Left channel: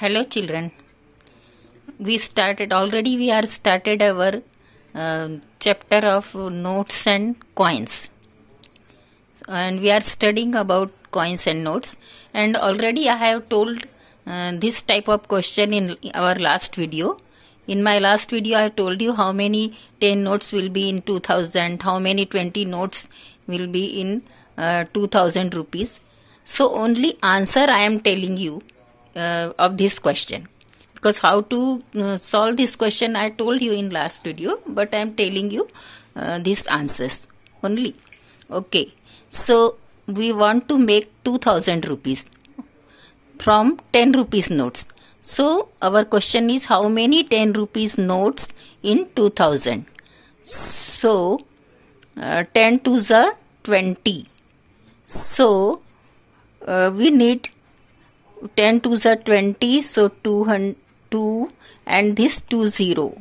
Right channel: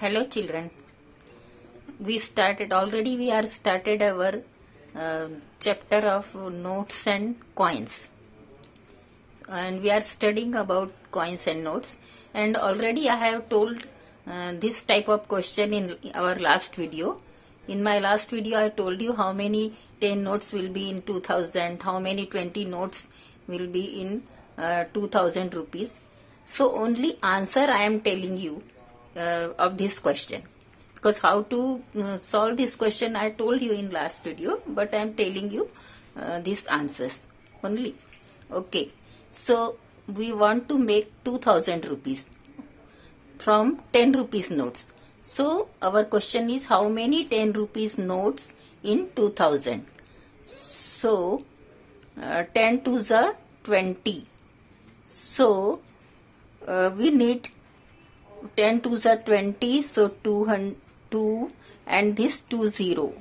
Hello children, we are started our chapter of notes and coins, and we are studying about coins and notes. And already I have told this type of question in our last video. In my last video I told you how many 10 notes will be in 2000, how many 20 notes will be in 2000 rupees. So only answer I am telling you of this question, because how to solve this question I told you in last video, but I am telling you these answers only. Okay, so we want to make 2000 rupees from 10 rupees notes. So our question is how many 10 rupees notes in 2000. So 10 to the 20. So we need 10 to the 20, so 2 and this 20.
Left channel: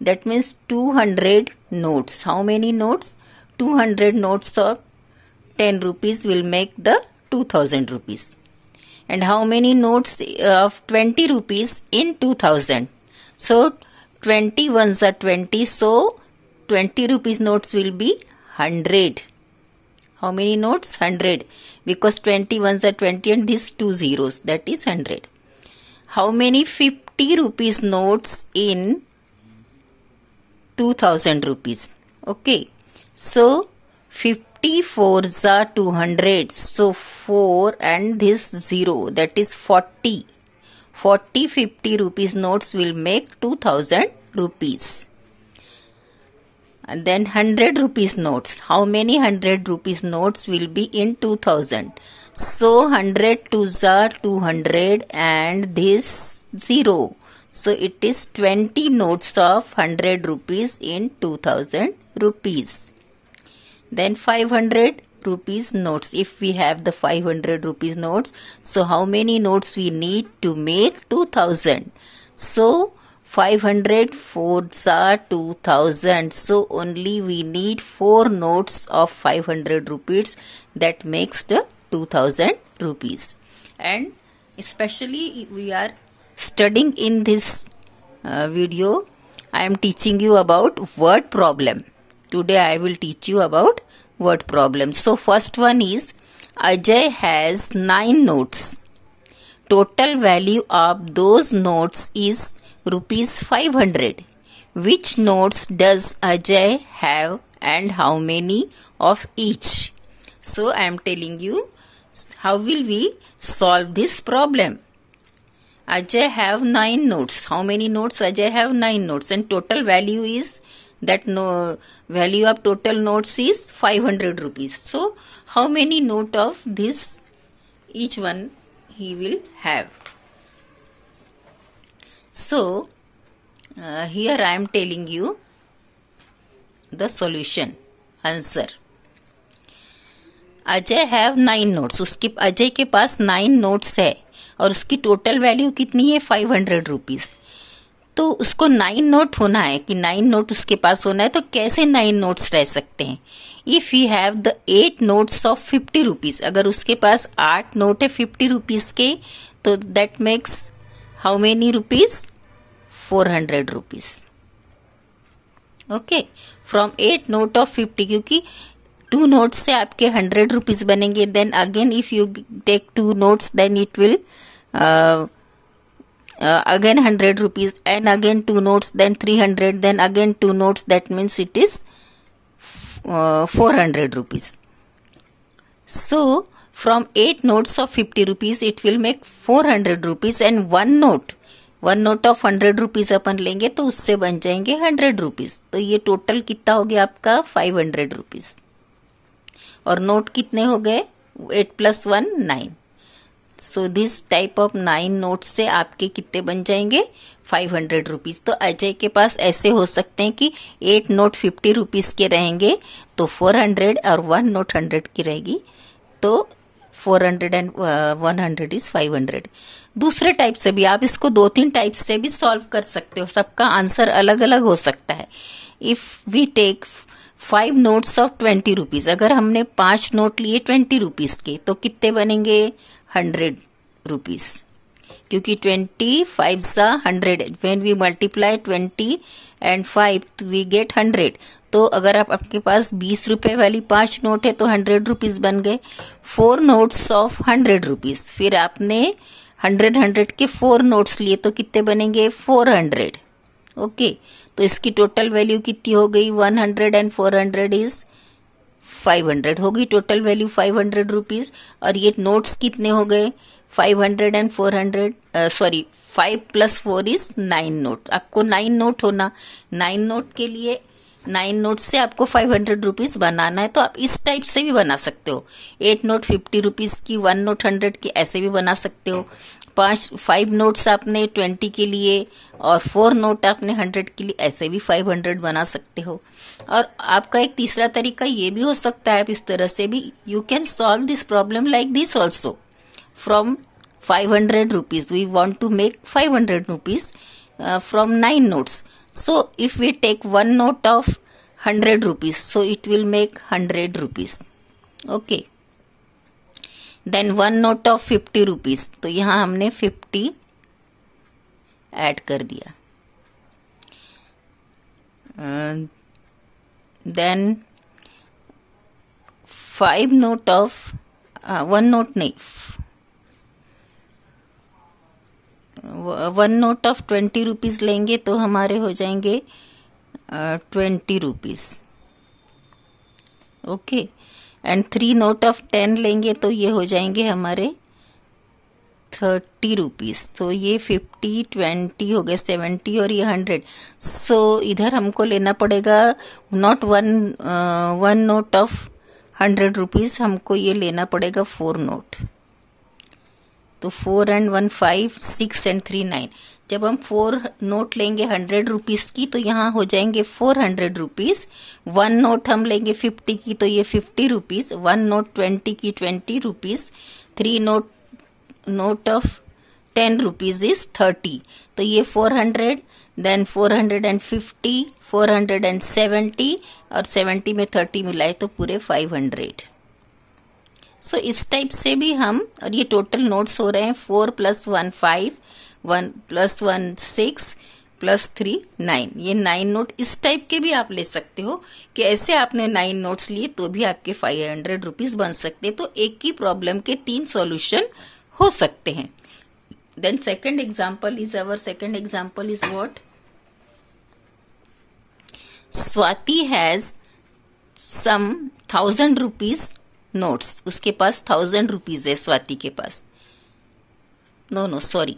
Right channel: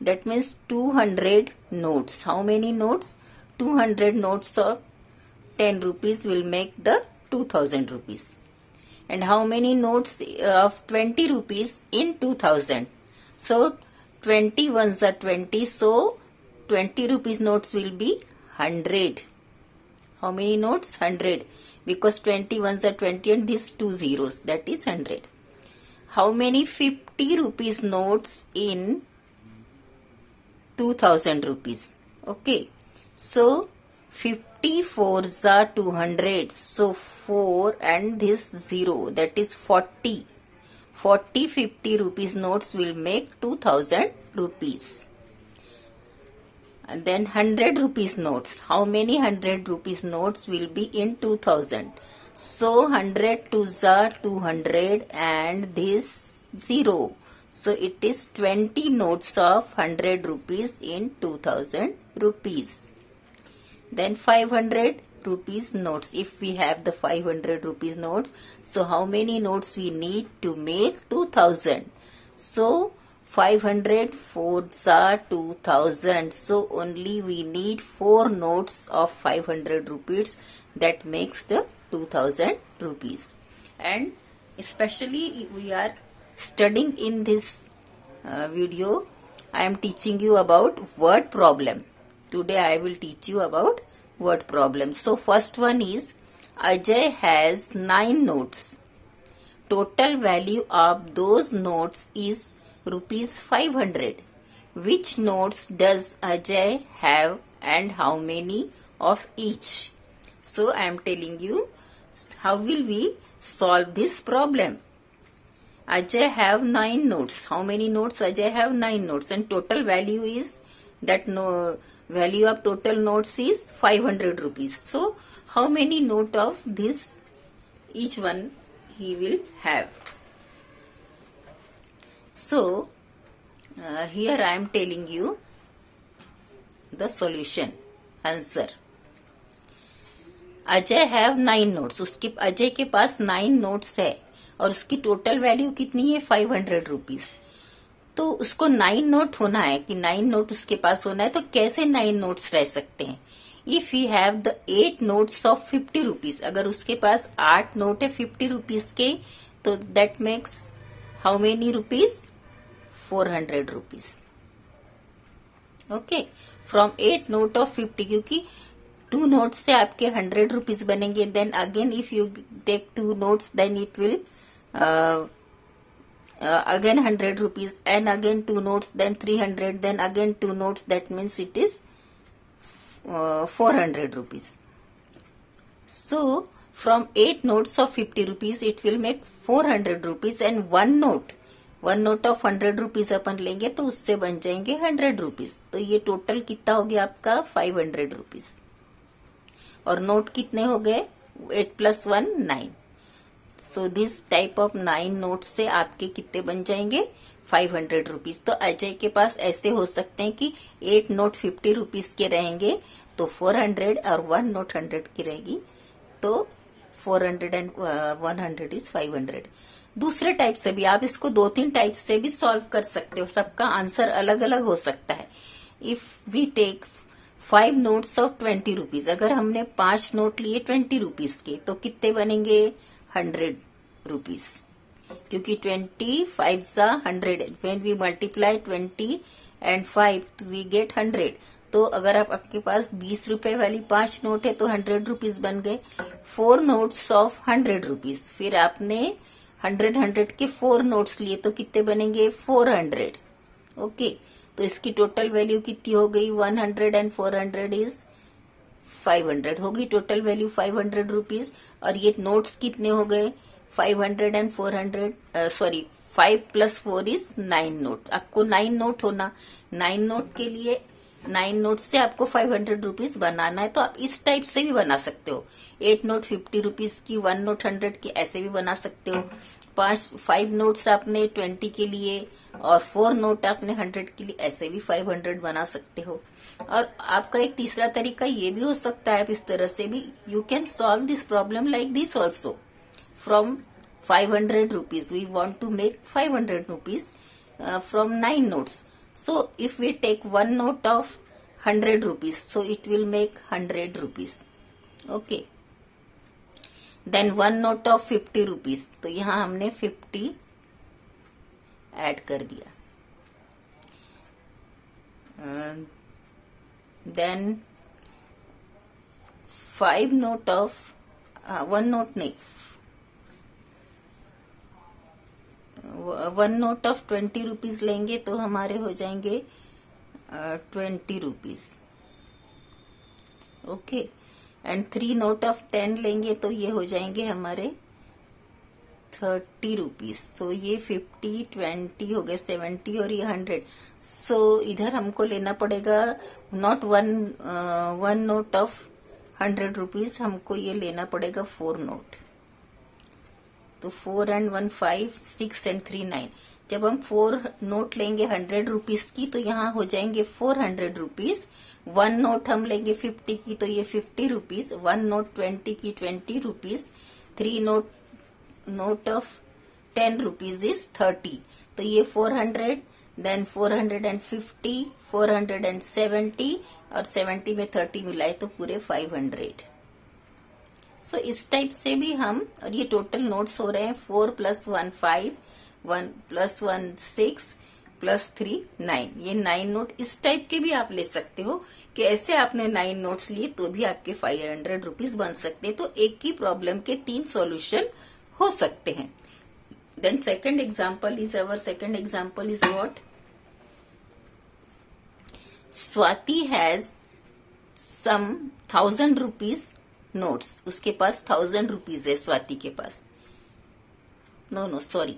That means 200 notes. How many notes? 200 notes of 10 rupees will make the 2000 rupees. And how many notes of 20 rupees in 2000? So 20 ones are 20, so 20 rupees notes will be 100. How many notes? 100. Because 20 ones are 20 and these 2 zeros, that is 100. How many 50 rupees notes in 2000 rupees? Okay. So 50 fours are 200. So 4 and this 0, that is 40. 40 50 rupees notes will make 2000 rupees. And then 100 rupees notes. How many 100 rupees notes will be in 2000? So 100 twos are 200 and this 0. So it is 20 notes of 100 rupees in 2000 rupees. Then 500 rupees notes. If we have the 500 rupees notes, so how many notes we need to make 2000? So 500 fours are 2000. So only we need 4 notes of 500 rupees. That makes the 2000 rupees. And especially we are studying in this video, I am teaching you about word problem. Today I will teach you about word problem. So first one is Ajay has 9 notes. Total value of those notes is rupees 500. Which notes does Ajay have and how many of each? So I am telling you how will we solve this problem. Ajay have 9 notes. How many notes? Ajay have 9 notes and total value is that value of total notes is 500 rupees. So how many note of this each one he will have? So here I am telling you the solution, answer. Ajay have 9 notes. उसके अजय के पास 9 notes है और उसकी total value कितनी है? 500 rupees. तो उसको 9 note होना है कि 9 नोट उसके पास होना है. तो कैसे 9 नोट्स रह सकते हैं? If you have the 8 notes of 50 rupees, अगर उसके पास 8 नोट है 50 रुपीज के, तो that makes how many rupees? 400 rupees. Okay, from 8 note of 50, क्योंकि 2 नोट्स से आपके 100 रुपीज बनेंगे. Then again if you take 2 notes then it will again 100 rupees and again 2 notes, then 300, then again 2 notes, that means it is 400 rupees. So from 8 notes of 50 rupees it will make 400 rupees and one note of 100 rupees अपन लेंगे तो उससे बन जाएंगे 100 rupees. तो ये total कितना हो गया आपका? 500 rupees. और नोट कितने हो गए? 8 plus 1 9. So this type of 9 note से आपके कितने बन जाएंगे? 500 रुपीज. तो अजय के पास ऐसे हो सकते हैं कि 8 नोट 50 रुपीज के रहेंगे तो 400 और 1 नोट 100 की रहेगी तो 400 एंड 100 इज 500. दूसरे टाइप से भी आप इसको 2-3 टाइप से भी सॉल्व कर सकते हो. सबका आंसर अलग अलग हो सकता है. If we take 5 notes of 20 rupees, अगर हमने 5 नोट लिए 20 रुपीज के तो कितने बनेंगे? 100 रुपीज. क्योंकि 25 सा 100, when we multiply 20 and 5 we get 100। तो अगर आपके पास 20 रुपए वाली 5 नोट है तो 100 रुपीज बन गए। 4 नोट्स ऑफ 100 रुपीज, फिर आपने 100 के 4 नोट्स लिए तो कितने बनेंगे 400। ओके, तो इसकी टोटल वैल्यू कितनी हो गई 100 and 400 इज 500 होगी, टोटल वैल्यू 500 रुपीज। और ये नोट्स कितने हो गए 500 and 400, सॉरी 5 + 4 इज 9 नोट। आपको 9 नोट होना, 9 नोट के लिए 9 नोट से आपको 500 रुपीज बनाना है। तो आप इस टाइप से भी बना सकते हो, 8 नोट 50 रुपीज की, 1 नोट 100 की, ऐसे भी बना सकते हो। 5 नोट्स आपने 20 के लिए और 4 नोट आपने 100 के लिए, ऐसे भी 500 बना सकते हो। और आपका एक तीसरा तरीका ये भी हो सकता है, आप इस तरह से भी you can solve this problem like this also. From 500 rupees we want to make 500 rupees from 9 notes. So if we take one note of 100 rupees, so it will make 100 rupees. Okay, then one note of 50 rupees, तो यहाँ हमने 50 add कर दिया। then 5 note of 1 note नहीं, 1 note of 20 rupees लेंगे तो हमारे हो जाएंगे 20 rupees. Okay, and 3 note of 10 लेंगे तो ये हो जाएंगे हमारे 30 रुपीज। तो ये 50 20 हो गए 70 और ये 100। सो इधर हमको लेना पड़ेगा not one note of 100 rupees, हमको ये लेना पड़ेगा 4 नोट। तो 4 and 1 5, 6 and 3 9। जब हम 4 नोट लेंगे 100 रुपीज की तो यहाँ हो जाएंगे 400 रुपीज। 1 नोट हम लेंगे 50 की तो ये 50 रुपीज। 1 नोट 20 की 20 rupees. 3 note of 10 rupees is 30। तो ये 400, देन 450, 470 और 70 में 30 मिलाए तो पूरे 500। सो इस टाइप से भी हम, और ये टोटल नोट्स हो रहे हैं 4 + 1 5, 1 + 1 6 + 3 9। ये 9 नोट इस टाइप के भी आप ले सकते हो कि ऐसे आपने 9 नोट्स लिए तो भी आपके 500 रुपीज बन सकते हैं। तो एक ही प्रॉब्लम के 3 सॉल्यूशन हो सकते हैं। Then second example is what? Swati has some 1000 rupees notes. उसके पास 1000 रुपीज है स्वाति के पास। No sorry,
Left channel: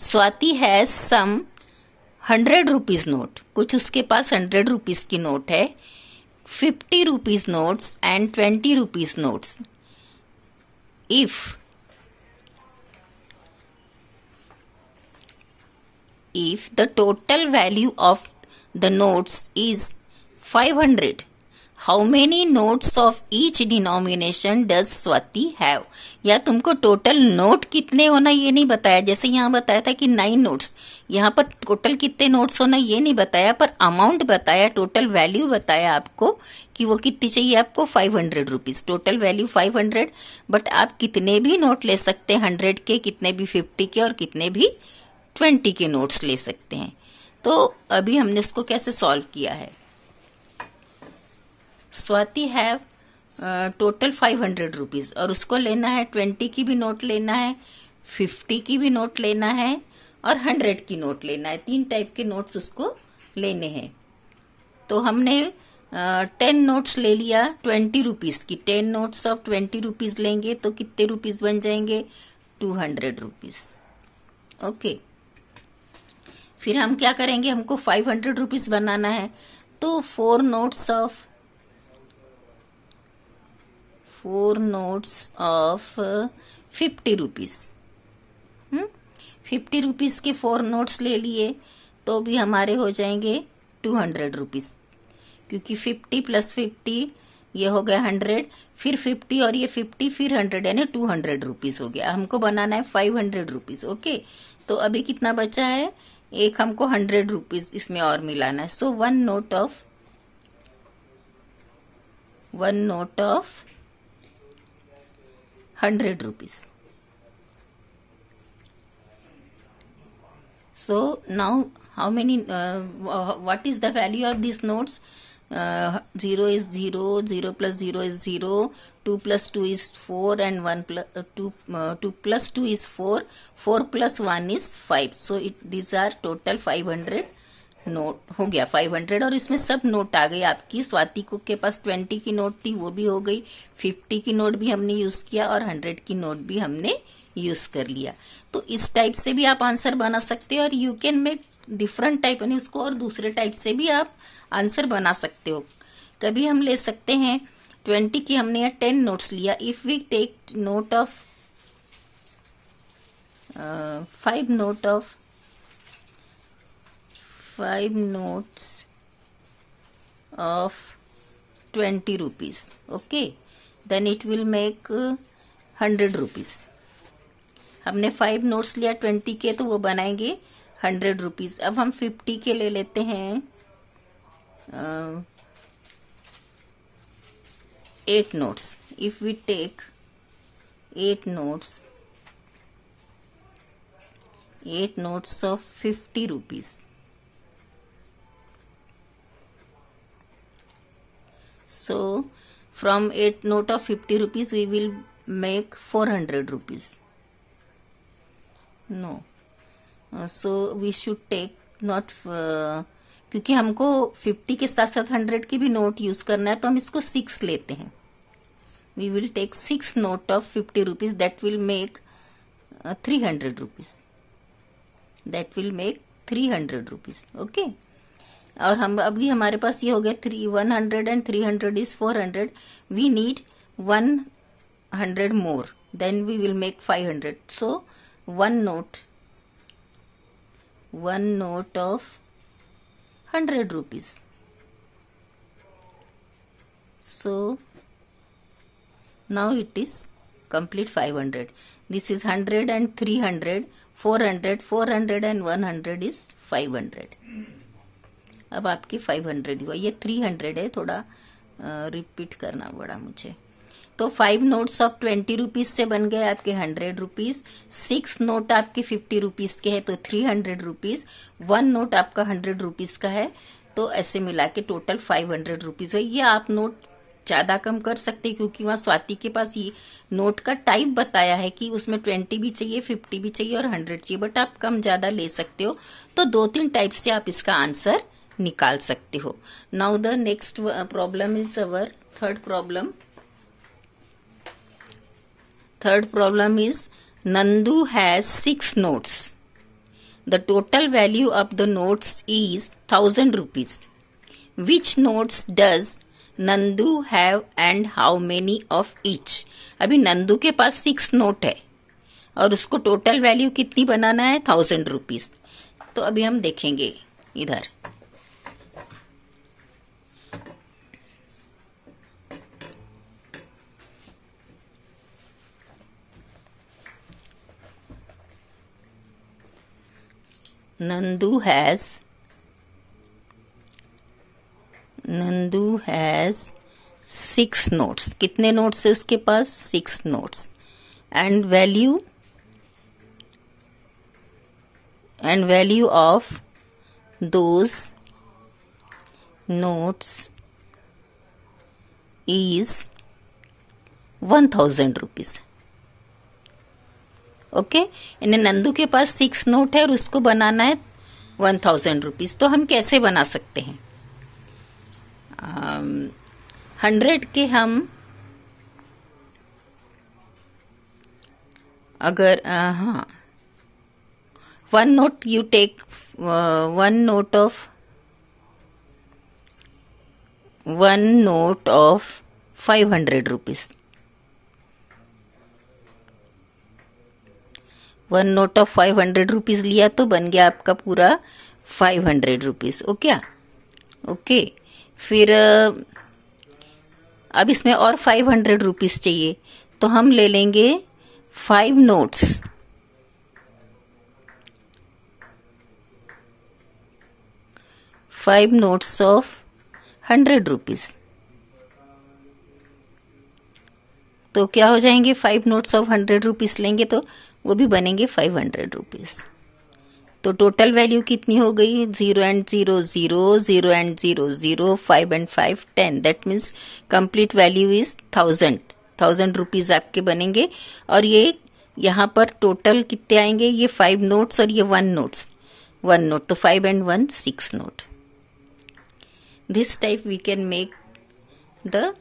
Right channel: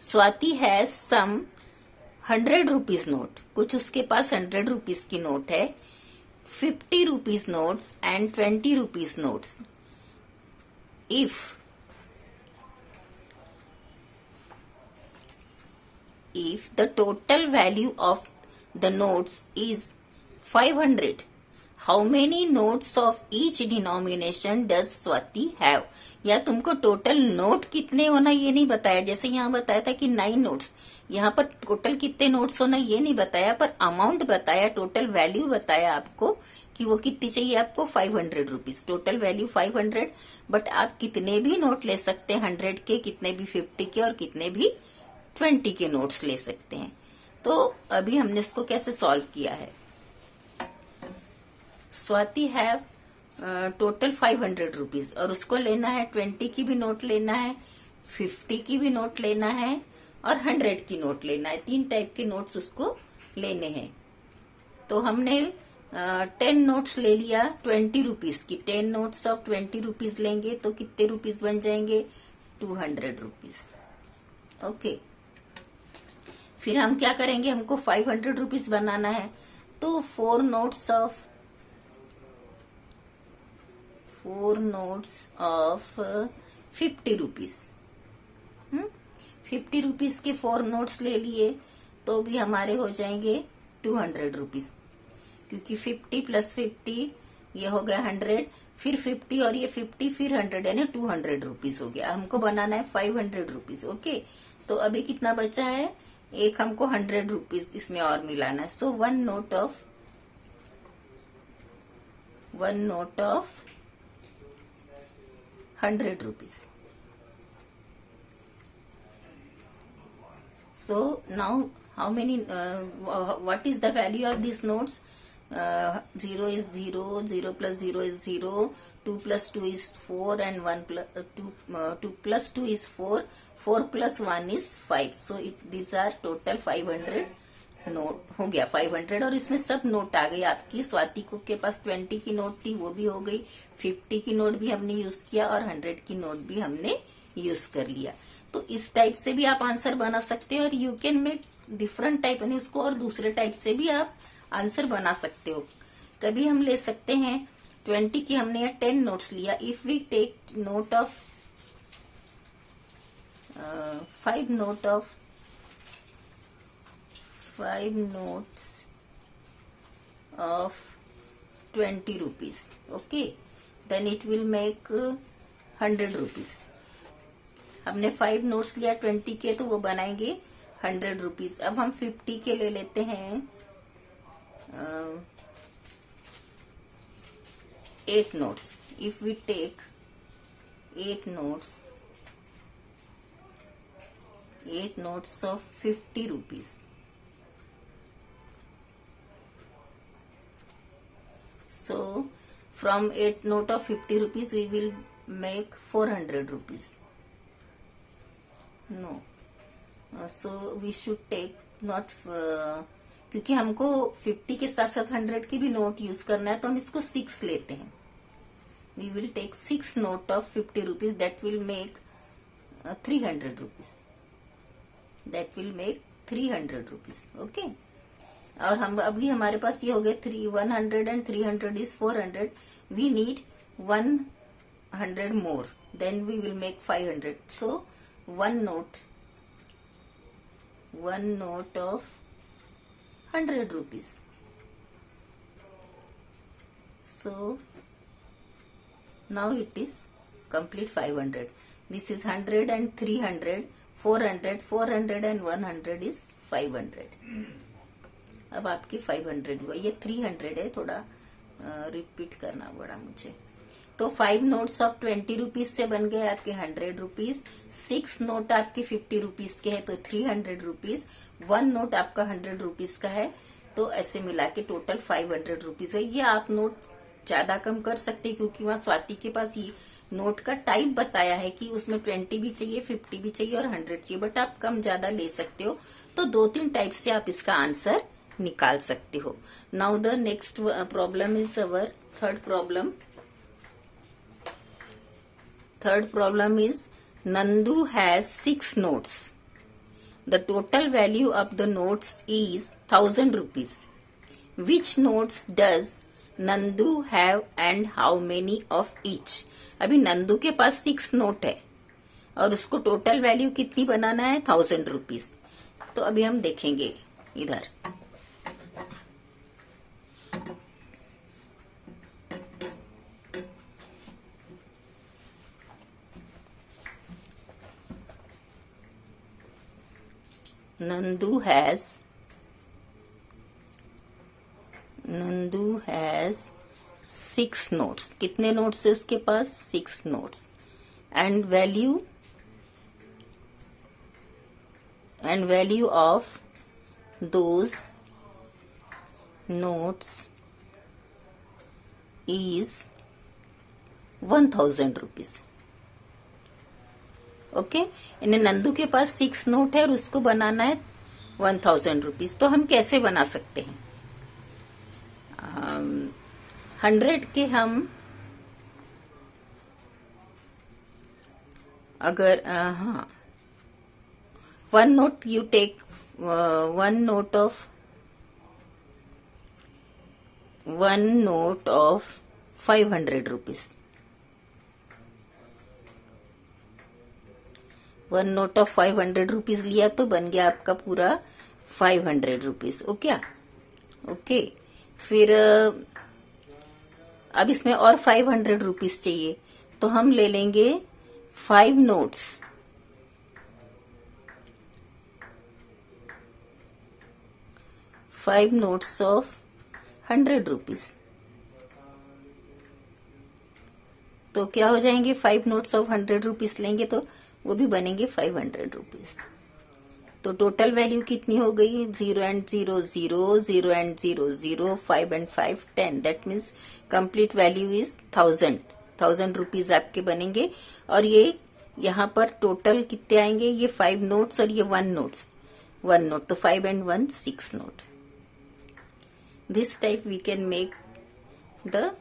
Swati has some 100 rupees note. कुछ उसके पास 100 रुपीज की नोट है, 50 rupees notes and 20 rupees notes. if the total value of the notes is 500, how many notes of each denomination does Swati have? या तुमको टोटल नोट कितने होना ये नहीं बताया, जैसे यहाँ बताया था कि 9 नोट्स, यहाँ पर टोटल कितने नोट्स होना ये नहीं बताया, पर अमाउंट बताया, टोटल वैल्यू बताया आपको कि वो कितनी चाहिए आपको 500 रुपीज। टोटल वैल्यू 500, बट आप कितने भी नोट ले सकते हैं 100 के, कितने भी 50 के और कितने भी 20 के नोट्स ले सकते हैं। तो अभी हमने इसको कैसे सॉल्व किया है। स्वाति हैव टोटल 500 रुपीज और उसको लेना है 20 की भी नोट लेना है, 50 की भी नोट लेना है और 100 की नोट लेना है। 3 टाइप के नोट्स उसको लेने हैं। तो हमने 10 नोट्स ले लिया 20 रुपीज की। 10 नोट्स ऑफ 20 रुपीज लेंगे तो कितने रुपीज बन जाएंगे 200 रुपीज। ओके, फिर हम क्या करेंगे, हमको 500 रुपीज बनाना है तो 4 नोट्स ऑफ 50 रुपीज। 50 रुपीज के 4 नोट्स ले लिए तो भी हमारे हो जाएंगे 200 रुपीज, क्योंकि 50 + 50 ये हो गया 100, फिर 50 और ये 50 फिर 100 यानी 200 रुपीज हो गया। हमको बनाना है 500 रुपीज। ओके, तो अभी कितना बचा है, एक हमको 100 रुपीज इसमें और मिलाना है। सो 1 note of 100 rupees. So now how many what is the value of these notes? 0 is 0, 0 plus 0 is 0, 2 plus 2 is 4, and 1 plus 2 plus 2 is 4, 4 plus 1 is 5. So these are total 500 note हो गया 500। और इसमें सब note आ गई आपकी। स्वाति को के पास 20 की नोट थी, वो भी हो गई, 50 की नोट भी हमने यूज किया, और 100 की नोट भी हमने यूज कर लिया। तो इस टाइप से भी आप आंसर बना सकते हो, और you can make different type, यानी उसको और दूसरे टाइप से भी आप आंसर बना सकते हो। कभी हम ले सकते हैं 20 की, हमने यहाँ 10 नोट्स लिया। If we take note of 5 note of 5 notes of 20 rupees, okay, then it will make 100 rupees। हमने 5 नोट्स लिया 20 के, तो वो बनाएंगे 100 रुपीज। अब हम 50 के ले लेते हैं 8 notes. If we take 8 notes of 50 rupees, so from 8 note of 50 rupees we will make 400 rupees। no, so we should take not क्योंकि हमको 50 के साथ साथ 100 की भी नोट यूज करना है, तो हम इसको 6 लेते हैं। we will take 6 note of 50 rupees, that will make 300 rupees, that will make 300 rupees, okay। और हम अभी हमारे पास ये हो गया 100 and 300 is 400, we need 100 more, then we will make 500। so one note of 100 rupees, so now it is complete 500। this is 100 and 300, 400 and 100 is 500। अब आपकी 500 हुआ, ये 300 है, थोड़ा रिपीट करना पड़ा मुझे। तो 5 नोट्स ऑफ 20 रुपीज से बन गए आपके 100 रुपीज, 6 नोट आपके 50 रुपीज के हैं तो 300 रुपीज, 1 नोट आपका 100 रुपीज का है, तो ऐसे मिला के टोटल 500 रुपीज है। ये आप नोट ज्यादा कम कर सकते हैं, क्योंकि वहाँ स्वाति के पास ये नोट का टाइप बताया है कि उसमें 20 भी चाहिए, 50 भी चाहिए और 100 चाहिए, बट आप कम ज्यादा ले सकते हो। तो 2-3 टाइप से आप इसका आंसर निकाल सकते हो। Now the next problem is our third problem is Nandu has 6 notes. The total value of the notes is 1000 rupees. Which notes does Nandu have and how many of each? अभी नंदू के पास 6 note है और उसको total value कितनी बनाना है, 1000 rupees. तो अभी हम देखेंगे इधर। Nandu has 6 notes। कितने नोट्स है उसके पास, 6 notes. And value of those notes is 1000 rupees, okay. इन्हें नंदू के पास 6 नोट है और उसको बनाना है 1000 रुपीज। तो हम कैसे बना सकते हैं, 100 के हम अगर हाँ 1 note you take 1 note of 500 rupees, 1 note of 500 rupees लिया तो बन गया आपका पूरा 500 रुपीज, ओके। फिर अब इसमें और 500 रुपीज चाहिए, तो हम ले लेंगे 5 नोट्स, ऑफ 100 रुपीज। तो क्या हो जाएंगे, 5 नोट्स ऑफ 100 रुपीज लेंगे तो वो भी बनेंगे 500 रुपीज, तो टोटल वैल्यू कितनी हो गई? 0 and 0 0, 0 and 0 0, 5 and 5 10. That means complete value is 1000 rupees आपके बनेंगे। और ये यहाँ पर टोटल कितने आएंगे? ये 5 नोट्स और ये 1 नोट, तो 5 and 1 6 note. This type we can make the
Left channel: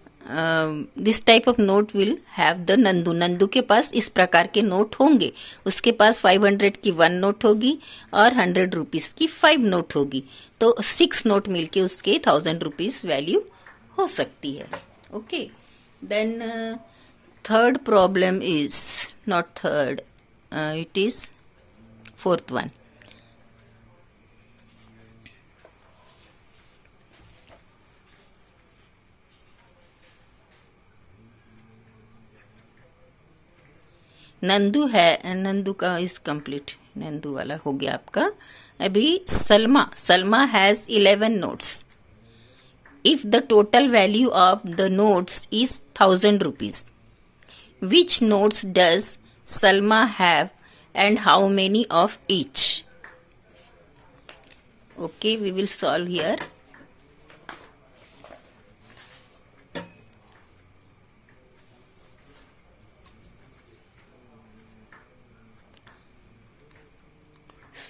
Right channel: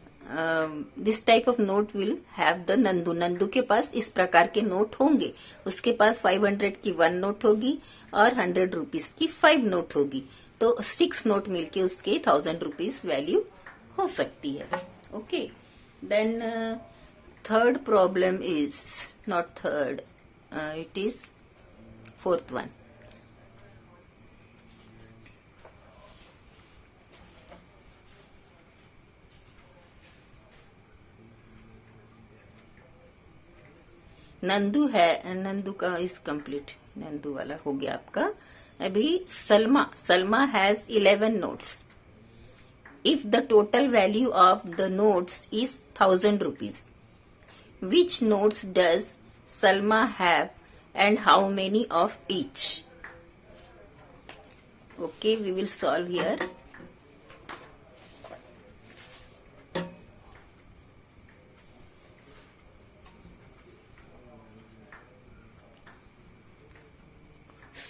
this type of note will have the Nandu के पास इस प्रकार के नोट होंगे। उसके पास 500 की 1 नोट होगी और 100 रुपीज की 5 नोट होगी, तो 6 नोट मिलके उसके 1000 रुपीज वैल्यू हो सकती है। Okay, then third problem is not third, it is fourth one. Nandu है, नंदू का इज कंप्लीट, नंदू वाला हो गया आपका। अभी Salma has 11 notes. If the total value of the notes is 1000 rupees, which notes does Salma have and how many of each? Okay, we will solve here.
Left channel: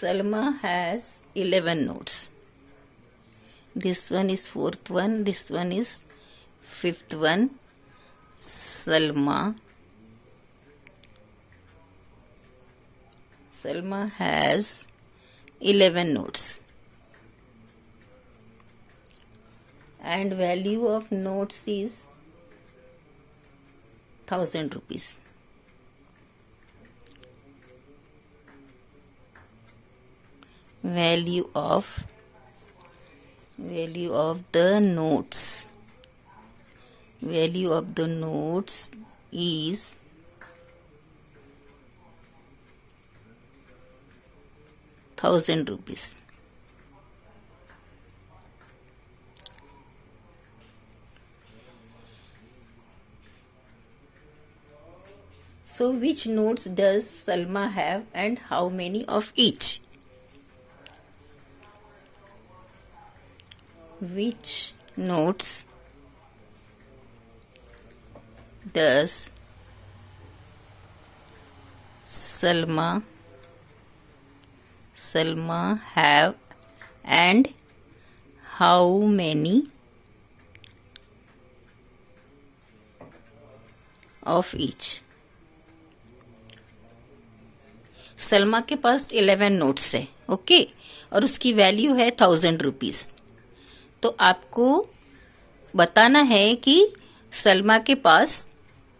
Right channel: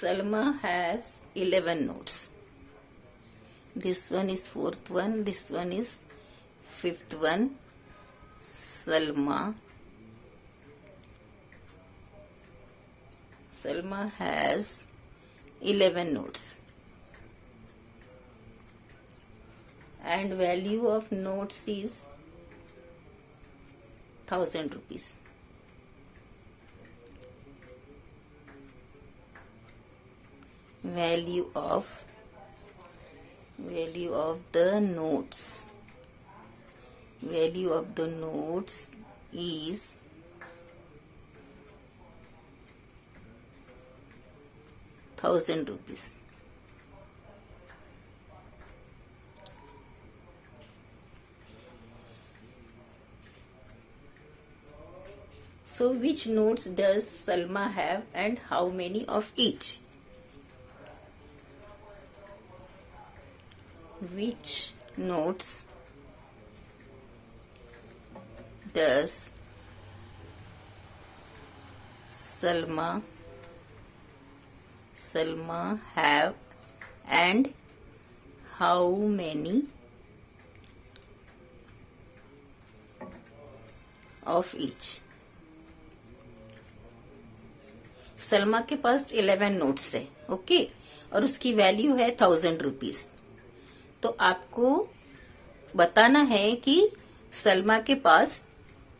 Salma has 11 notes. This one is fourth one, this one is fifth one. Salma has 11 notes. And value of notes is 1000 rupees. Value of the notes is 1000 rupees. So which notes does Salma have and how many of each? Which notes does Salma have and how many of each? Salma के पास 11 notes है, okay, और उसकी value है 1000 rupees. तो आपको बताना है कि सलमा के पास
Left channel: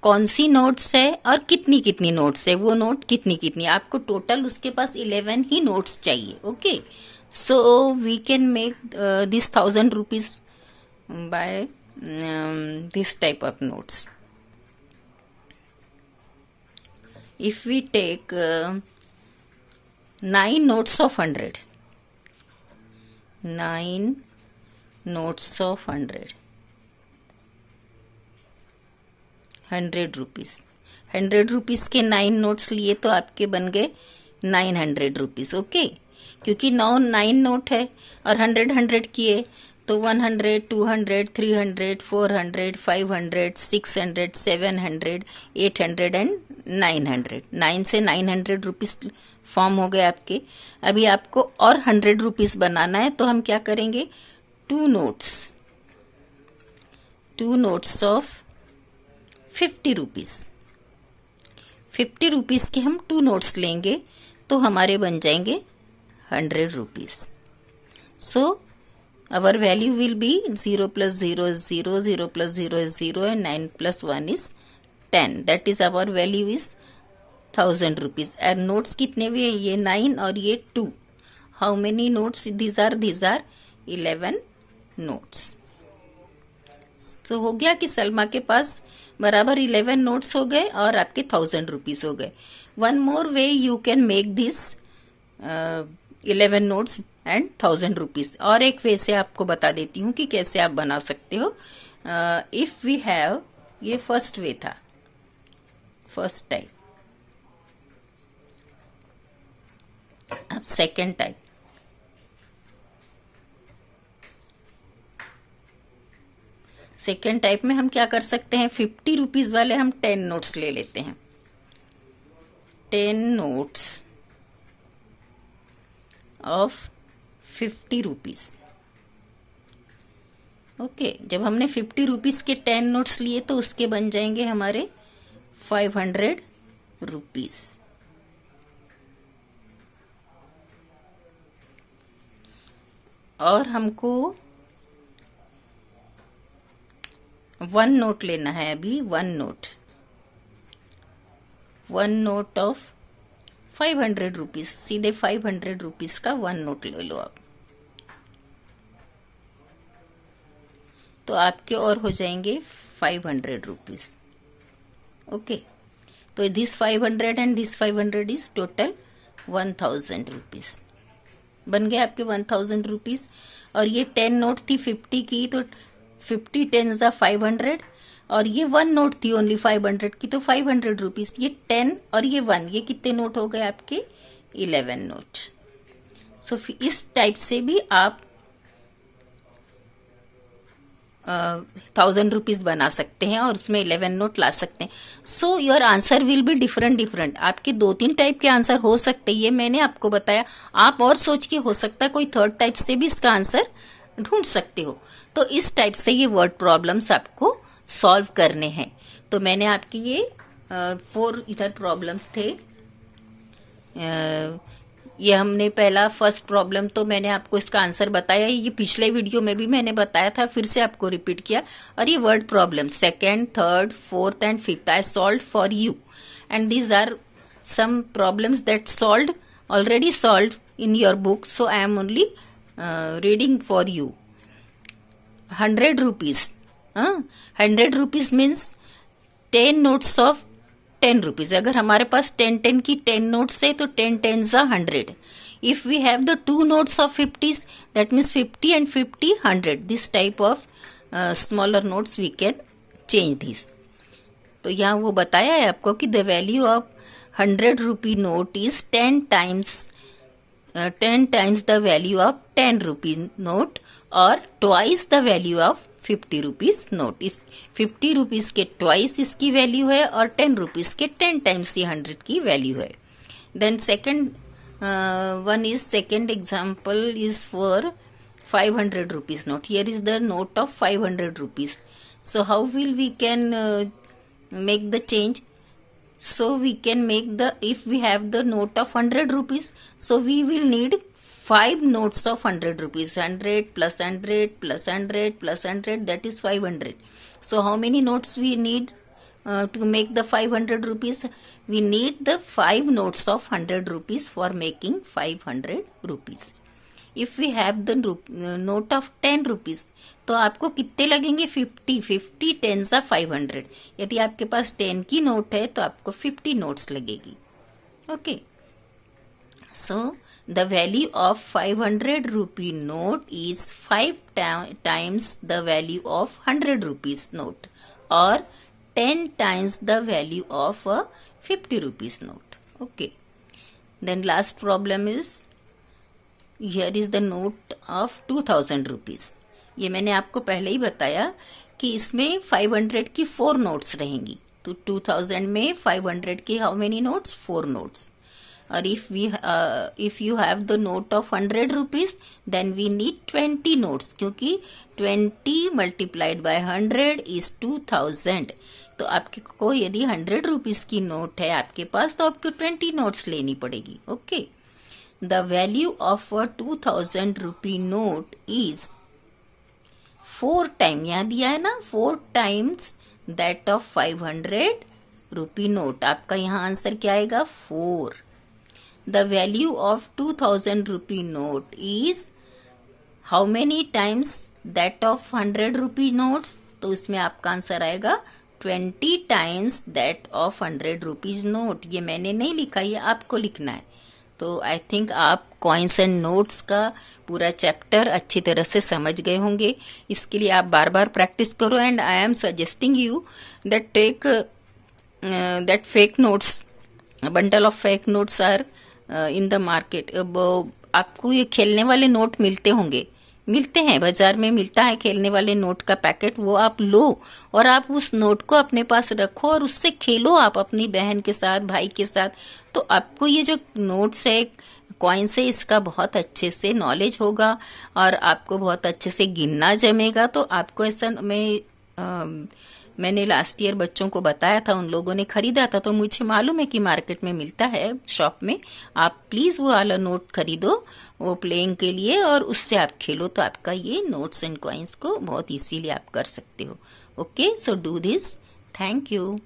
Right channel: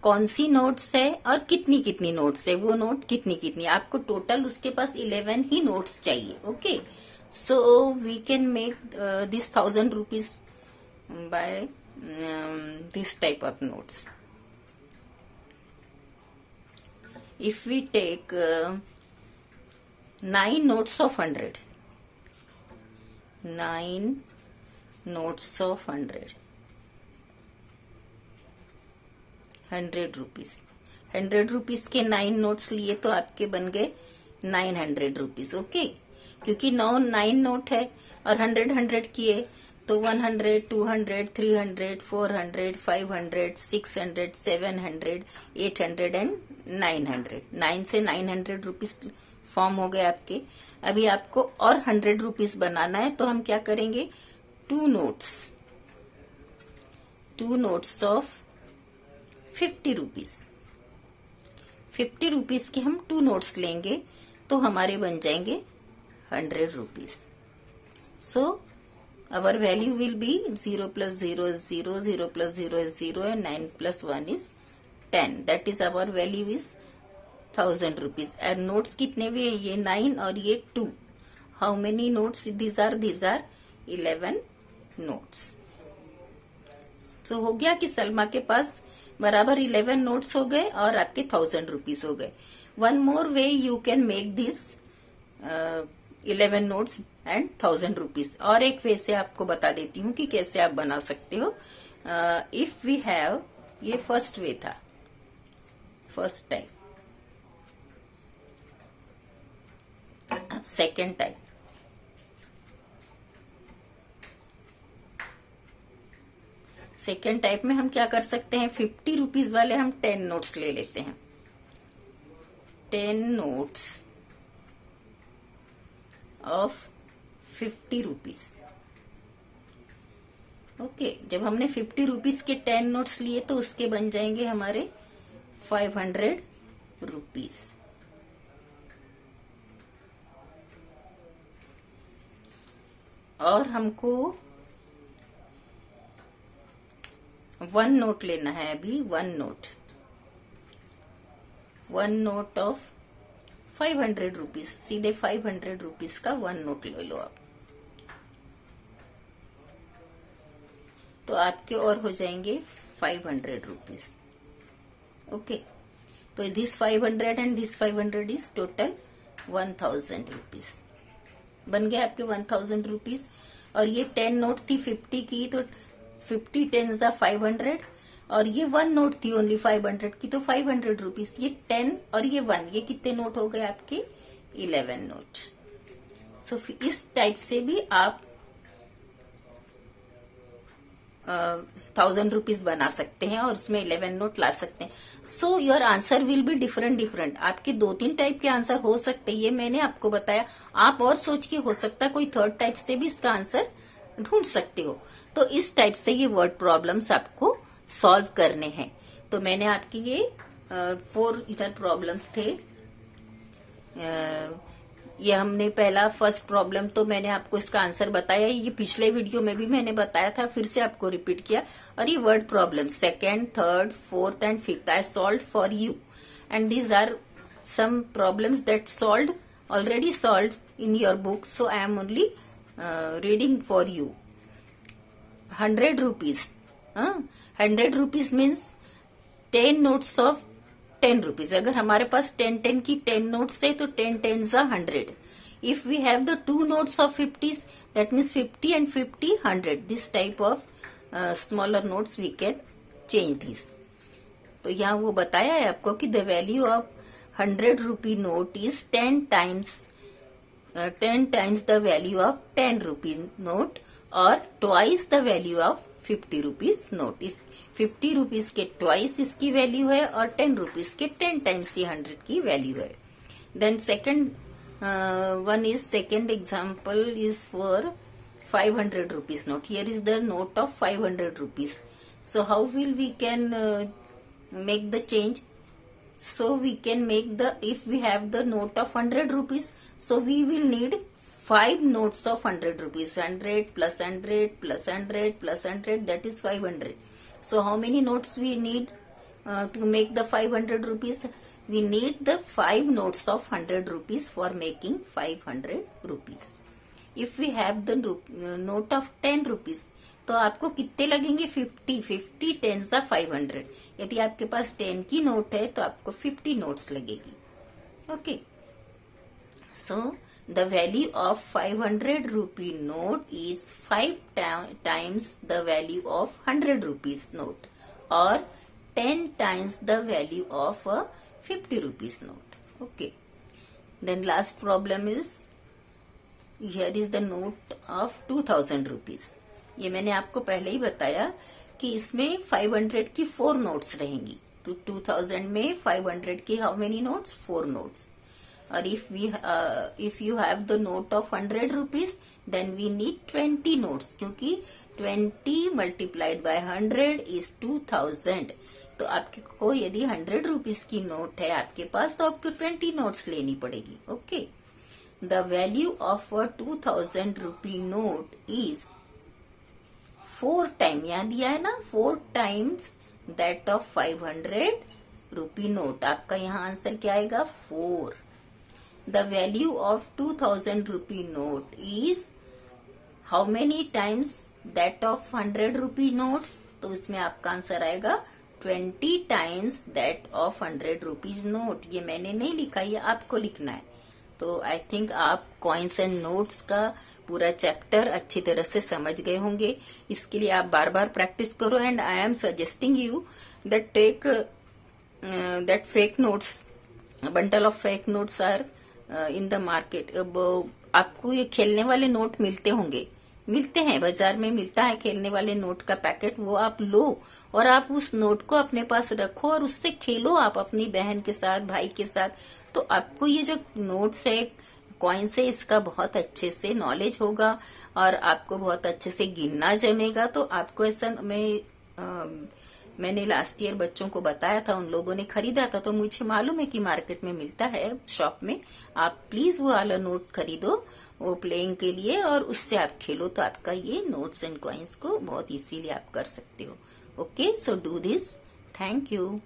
कौन सी नोट्स है और कितनी कितनी नोट्स है, वो नोट कितनी कितनी। आपको टोटल उसके पास 11 ही नोट्स चाहिए। Okay, so we can make this 1000 rupees by this type of notes. If we take 9 notes of 100, 9 notes of 100, 100 rupees. 100 rupees के 9 नोट्स लिए तो आपके बन गए 900 रुपीज। ओके, क्योंकि 9 नोट है और 100 किए तो 100, 200, 300, 400, 500, 600, 700, 800 एंड 900। 9 से 900 रुपीज फॉर्म हो गए आपके। अभी आपको और 100 रुपीज बनाना है, तो हम क्या करेंगे? 2 नोट्स ऑफ 50 रुपीज। 50 रुपीज के हम 2 नोट्स लेंगे तो हमारे बन जाएंगे 100 rupees. So our value will be 0 plus 0 is 0, 0 plus 0 is 0 and 9 plus 1 is 10. That is our value is 1000 rupees. And notes कितने भी है? ये 9 और ये 2. How many notes these are? These are 11 notes. तो हो गया कि सलमा के पास बराबर 11 नोट्स हो गए और आपके 1000 रुपीज हो गए। One more way you can make this 11 notes and 1000 rupees. और एक वे से आपको बता देती हूँ कि कैसे आप बना सकते हो। इफ वी हैव, ये फर्स्ट वे था, फर्स्ट टाइप। अब सेकेंड टाइप, सेकेंड टाइप में हम क्या कर सकते हैं, 50 रुपीज वाले हम 10 नोट्स ले लेते हैं, 10 नोट्स ऑफ 50 रुपीज। ओके, जब हमने 50 रुपीज के 10 नोट्स लिए तो उसके बन जाएंगे हमारे 500 रुपीज। और हमको 1 नोट लेना है अभी, 1 नोट ऑफ 500 रुपीज, सीधे 500 रुपीज का 1 नोट ले लो आप, तो आपके और हो जाएंगे 500 रुपीज। ओके, तो this 500 and this 500 is total 1000 rupees, बन गए आपके 1000 रुपीज। और ये 10 नोट थी 50 की, तो 50 10 ज़ा 500, और ये 1 नोट थी ओनली 500 की, तो 500 रुपीज। ये 10 और ये 1, ये कितने नोट हो गए आपके, 11 नोट। सो इस टाइप से भी आप 1000 रुपीज बना सकते हैं और उसमें 11 नोट ला सकते हैं। So your answer will be different. आपके 2-3 टाइप के आंसर हो सकते हैं, ये मैंने आपको बताया। आप और सोच के हो सकता है कोई थर्ड टाइप से भी इसका आंसर ढूंढ सकते हो। तो इस टाइप से ये वर्ड प्रॉब्लम्स आपको सॉल्व करने हैं। तो मैंने आपके ये 4 इधर प्रॉब्लम्स थे। ये हमने पहला फर्स्ट प्रॉब्लम तो मैंने आपको इसका आंसर बताया, ये पिछले वीडियो में भी मैंने बताया था, फिर से आपको रिपीट किया। और ये word problem second, third, fourth and fifth I solve for you, and these are some problems that solve already solve in your book, so I am only reading for you. 100 rupees, 100 rupees means 10 notes of 10 rupees. अगर हमारे पास 10 की 10 notes है तो 10 10 ज़ा 100। If we have the 2 notes of 50s, that means 50 and 50 100। This type of smaller notes we can change this. तो यहाँ वो बताया है आपको कि the value of 100 rupee note is 10 times the value of 10 rupee note और twice the value of 50 rupees note. इस 50 rupees के ट्वाइस इसकी वैल्यू है और 10 रुपीज के 10 टाइम्स ये 100 की वैल्यू है। Then second one is, second example is for 500 rupees note. Here is the note of 500 rupees. So how will we can make the change? So we can make the, if we have the note of 100 rupees, so we will need 5 notes of 100 rupees. 100 plus 100 plus 100 plus 100, that is 500. So how many notes we need to make the 500 rupees? We need the 5 notes of 100 rupees for making 500 rupees. If we have the note of 10 rupees, तो आपको कितने लगेंगे? 50 10 सा 500। यदि आपके पास 10 की note है तो आपको 50 नोट्स लगेगी। Okay, so the value of 500 rupee note is 5 times the value of 100 rupees note और 10 times the value of 50 rupees note. Okay, then last problem is, here is the note of 2000 rupees. ये मैंने आपको पहले ही बताया कि इसमें 500 की 4 notes रहेंगी। तो 2000 में 500 की हाउ मेनी नोट्स? 4 नोट्स। और if you have the note of 100 rupees then we need 20 notes, क्योंकि 20 मल्टीप्लाइड बाय 100 इज 2000। तो आपको यदि 100 रुपीज की नोट है आपके पास तो आपको 20 नोट्स लेनी पड़ेगी। Okay, the value of a 2000 rupee note is 4 times, यहाँ दिया है ना, 4 times that of 500 rupee note। आपका यहाँ आंसर क्या आएगा? 4। the value of 2000 rupee note is how many times that of 100 rupee notes? तो इसमें आपका आंसर आएगा 20 times that of 100 rupees note। ये मैंने नहीं लिखा, ये आपको लिखना है। तो आई थिंक आप कॉइन्स एंड नोट्स का पूरा चैप्टर अच्छी तरह से समझ गए होंगे। इसके लिए आप बार बार प्रैक्टिस करो, and I am suggesting you that take that fake notes, bundle of fake notes are in the market. अब आपको ये खेलने वाले नोट मिलते हैं बाजार में, मिलता है खेलने वाले नोट का पैकेट, वो आप लो और आप उस नोट को अपने पास रखो और उससे खेलो आप अपनी बहन के साथ, भाई के साथ। तो आपको ये जो नोट्स है, कॉइन्स है, इसका बहुत अच्छे से नॉलेज होगा और आपको बहुत अच्छे से गिनना जमेगा। तो आपको ऐसा मैंने लास्ट ईयर बच्चों को बताया था, उन लोगों ने खरीदा था, तो मुझे मालूम है कि मार्केट में मिलता है शॉप में। आप प्लीज वो वाला नोट खरीदो वो प्लेइंग के लिए और उससे आप खेलो, तो आपका ये नोट्स एंड कॉइन्स को बहुत इजीली आप कर सकते हो। Okay, so do this. Thank you.